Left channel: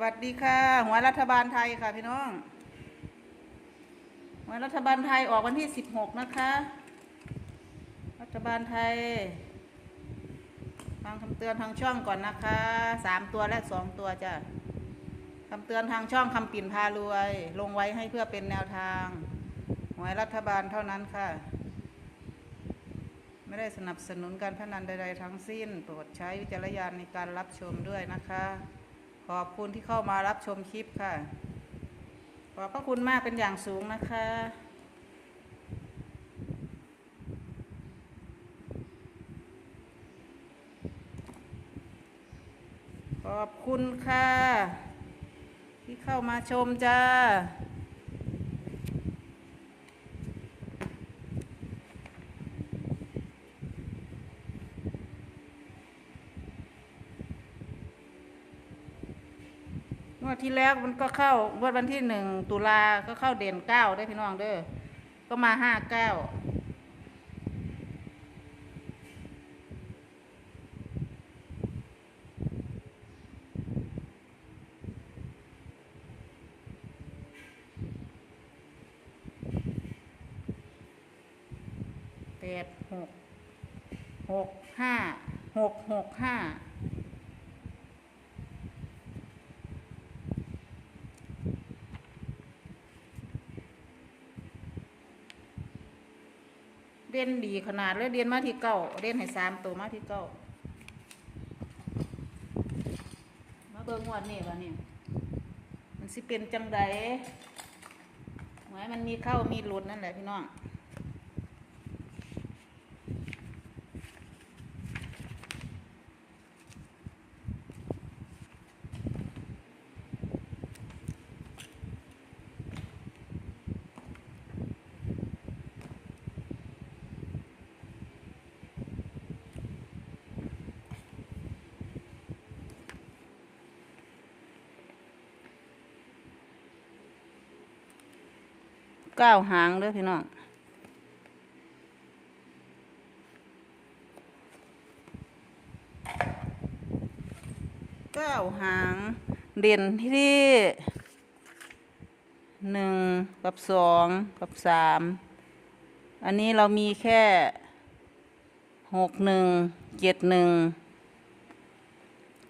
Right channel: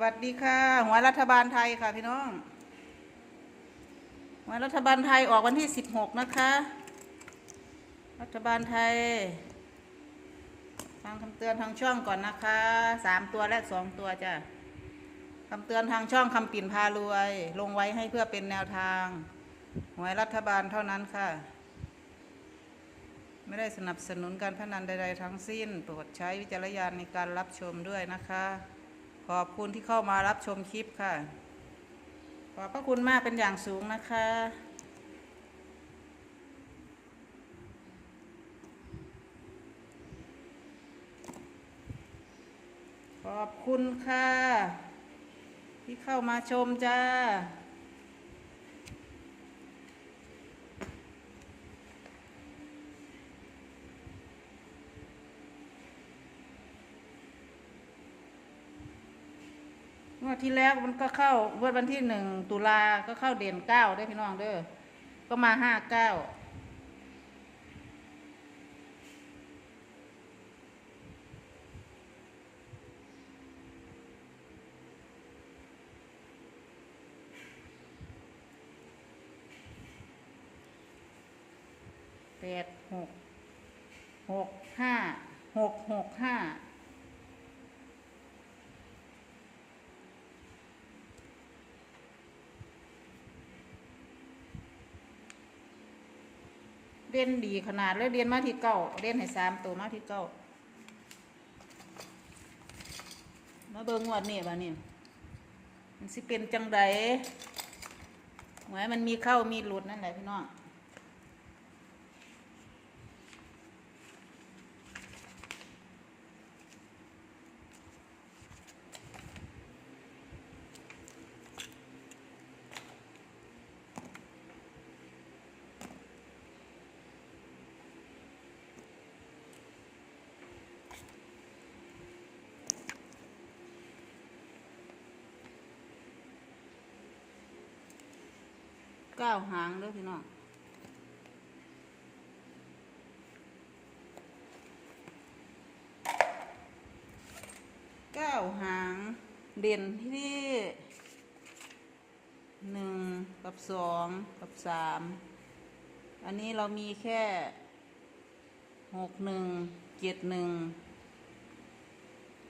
วัสดีค่ะ หัวรัฐบาลไทยค่ะพี่น้องหัวรัฐบาลไทยออกวันที่สิบหกนะคะ รัฐบาลไทยฟังคำเตือนทางช่องก่อนนะคะสามตัวและสองตัวจ้ะคำเตือนทางช่องคำปิ่นพารวย ลงไว้ให้เพื่อเป็นแนวทางหวยรัฐบาลเท่านั้นค่ะ ไม่ได้สนับสนุนการพนันใด ๆ ทั้งสิ้น โปรดใช้วิจารณญาณในการรับชมด้วยนะคะ ขอบคุณที่เข้ามารับชมคลิปค่ะ ขอบพระคุณมากเป็นอย่างสูงนะคะ ขอบคุณค่ะ ที่เข้ามาชมจ้า งวดที่แล้วมันก็เข้างวดวันที่หนึ่งตุลาก็เข้าเด่นเก้าได้พี่น้องเด้อ ก็มาห้าเก้าแปดหกหกห้าหกหกห้า เด่นดีขนาดเลยเด่นมาที่เก้าเด่นให้สามตัวมาที่เก้ามาเบิ่งงวดนี่ค่ะนี่มันสิเป็นจังไดหมายมันมีเข้ามีหลุดนั่นแหละพี่น้อง เก้าหางเด้อพี่น้องเก้าหางเด่นที่หนึ่งกับสองกับสามอันนี้เรามีแค่หกหนึ่งเจ็ดหนึ่ง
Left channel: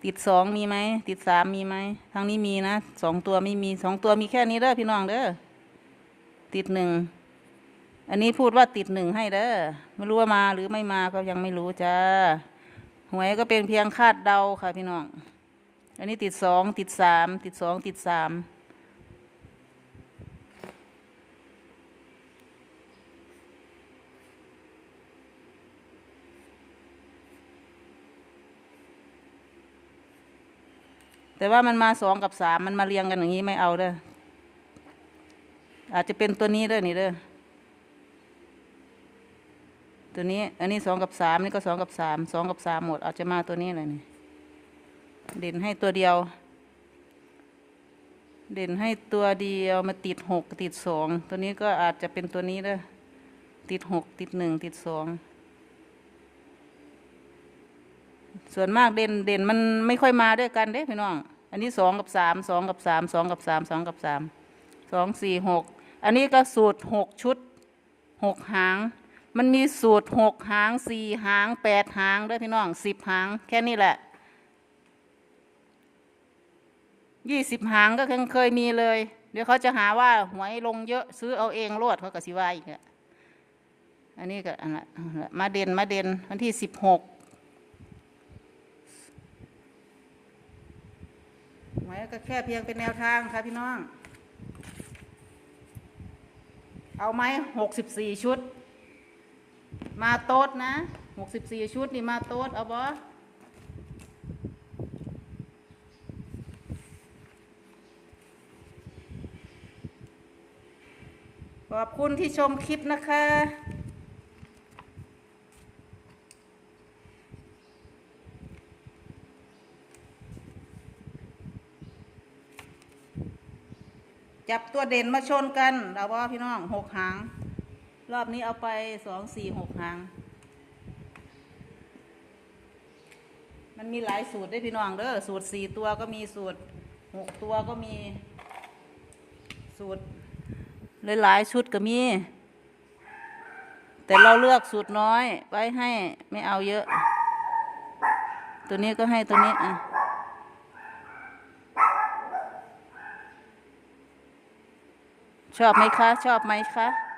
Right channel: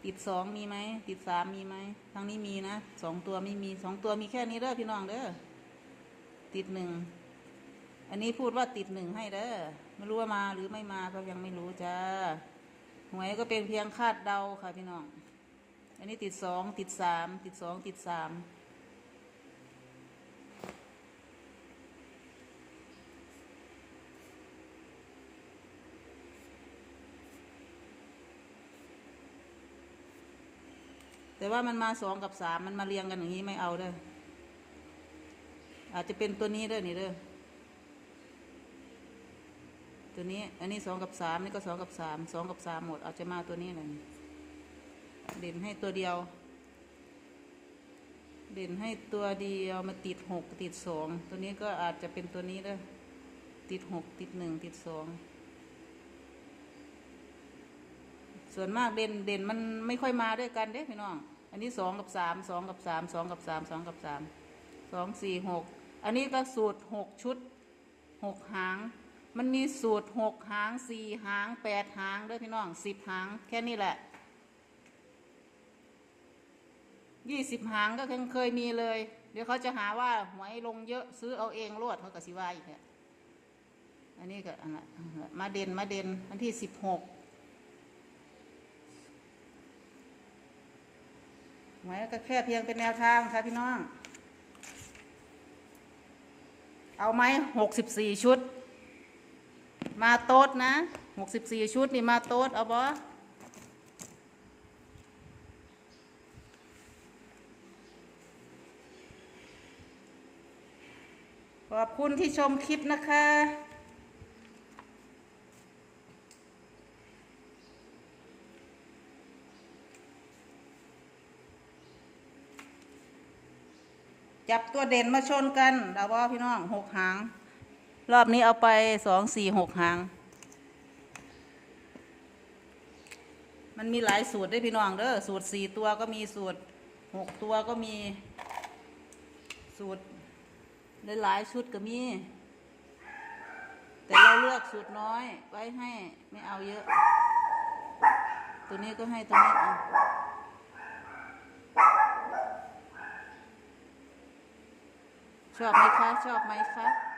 ติดสองมีไหมติดสามมีไหมทางนี้มีนะสองตัวไม่มีสองตัวมีแค่นี้เด้อพี่น้องเด้อ ติดหนึ่ง อันนี้พูดว่าติดหนึ่งให้เด้อไม่รู้ว่ามาหรือไม่มาก็ยังไม่รู้จ้าหวยก็เป็นเพียงคาดเดาค่ะพี่น้อง อันนี้ติดสองติดสามติดสองติดสามแต่ว่ามันมาสองกับสามมันมาเรียงกันอย่างนี้ไม่เอาเด้อ อาจจะเป็นตัวนี้เด้อนี่เด้อตัวนี้ อันนี้สองกับสามนี่ก็สองกับสามสองกับสามหมด อาจจะมาตัวนี้เลยนี่เด่นให้ตัวเดียว เด่นให้ตัวเดียวมาติดหกติดสองตัวนี้ก็อาจจะเป็นตัวนี้เด้อติดหกติดหนึ่งติดสองส่วนมากเด่นเด่นมันไม่ค่อยมาด้วยกันเด้พี่น้อง อันนี้สองกับสามสองกับสามสองกับสามสองกับสามสองสี่หก อันนี้ก็สูตรหกชุดหกหาง มันมีสูตรหกหางสี่หางแปดหางด้วยพี่น้องสิบหางแค่นี้แหละยี่สิบหางก็เคยเคยมีเลย เดี๋ยวเขาจะหาว่าหวยลงเยอะซื้อเอาเองโลดเขาก็สิว่าอีกอันนี้ก็อันละอันละมาเด่นมาเด่นวันที่สิบหกหมายก็แค่เพียงเป็นแนวทางค่ะพี่น้อง เอาไหมหกสิบสี่ชุด มาโต๊ดนะหกสิบสี่ชุดนี่มาโต๊ดเอาบอขอบคุณที่ชมคลิปนะคะ จับตัวเด่นมาชนกันเราว่าพี่น้องหกหาง รอบนี้เอาไปสองสี่หกหาง มันมีหลายสูตรด้วยพี่น้องเด้อสูตรสี่ตัวก็มีสูตรหกตัวก็มี สูตรหลายๆชุดก็มี แต่เราเลือกสูตรน้อยไว้ให้ไม่เอาเยอะ ตัวนี้ก็ให้ตัวนี้อะ ชอบไหมคะ ชอบไหมคะ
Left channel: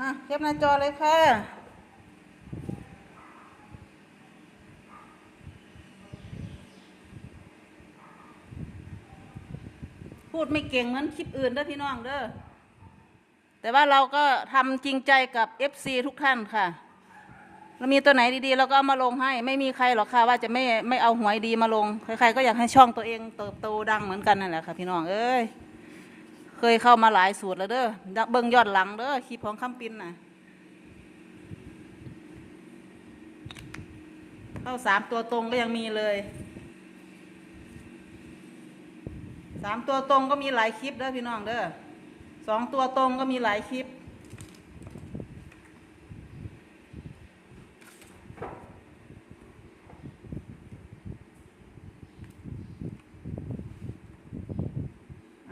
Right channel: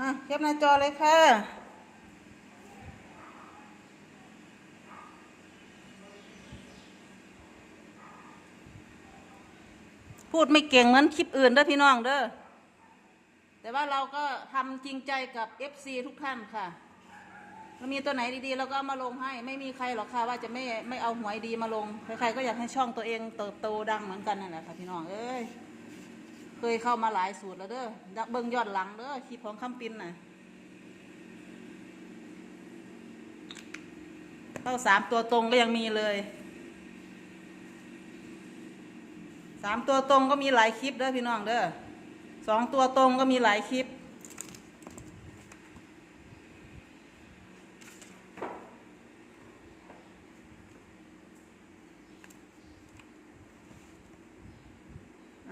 อะเทียบหน้าจอเลยค่ะ พูดไม่เก่งเหมือนคลิปอื่นเด้อพี่น้องเด้อแต่ว่าเราก็ทำจริงใจกับ FC ทุกท่านค่ะเรามีตัวไหนดีๆเราก็เอามาลงให้ ไม่มีใครหรอกค่ะว่าจะไม่ไม่เอาหวยดีมาลง ใครๆก็อยากให้ช่องตัวเองเติบโตดังเหมือนกันนั่นแหละค่ะพี่น้องเอ้ย เคยเข้ามาหลายสูตรแล้วเด้อเบิ่งยอดหลังเด้อคลิปของคำปินน่ะเข้าสามตัวตรงก็ยังมีเลยสามตัวตรงก็มีหลายคลิปเด้อพี่น้องเด้อสองตัวตรงก็มีหลายคลิป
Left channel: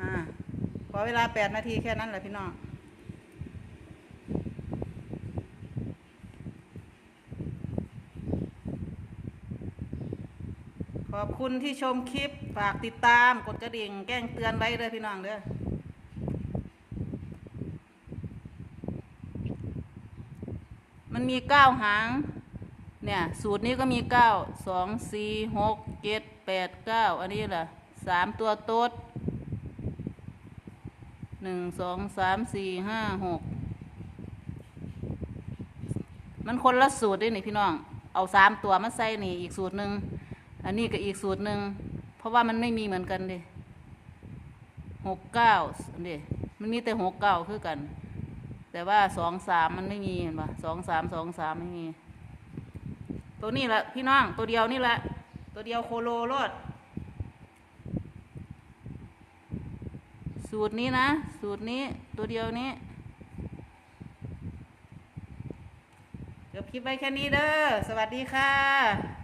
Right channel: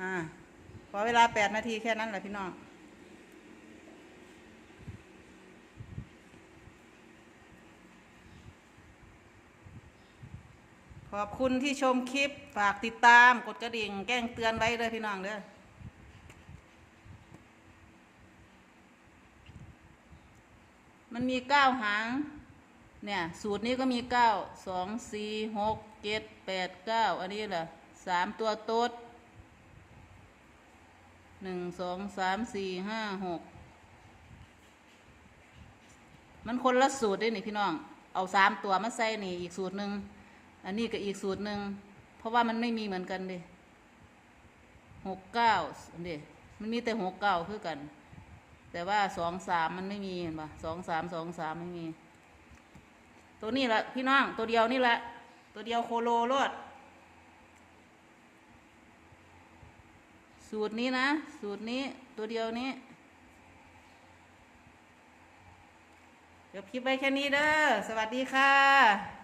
อ่า ข อเวลาแปดนาทีแค่นั้นแหละพี่น้องขอบคุณที่ชมคลิป ฝากติดตามกดกระดิ่งแจ้งเตือนไว้เลยพี่น้องเด้อมันมีเก้าหาง เนี่ย สูตรนี้ก็มีเก้าสองสี่หกเจ็ดแปดเก้าอันนี้แหละสามตัวโต๊ด หนึ่งสองสามสี่ห้าหกมันคนละสูตรด้วยนี่พี่น้อง เอาสามตัวมาใส่นี่อีกสูตรหนึ่งอันนี้ก็อีกสูตรหนึ่งเพราะว่ามันไม่มีเหมือนกันดิหกเก้าอันนี้มันมีแต่หกเก้าคือกัน แต่ว่าสองสามมันไม่มีเห็นปะสองสามสองสามไม่มี ตัวนี้แหละพี่น้องตัวเดียวนี่แหละ ตัวเดียวโคโลรด สูตรนี้นะ สูตรนี้ตัวเดียวนี้เดี๋ยวคลิปไว้แค่นี้เด้อ สวัสดีค่ะ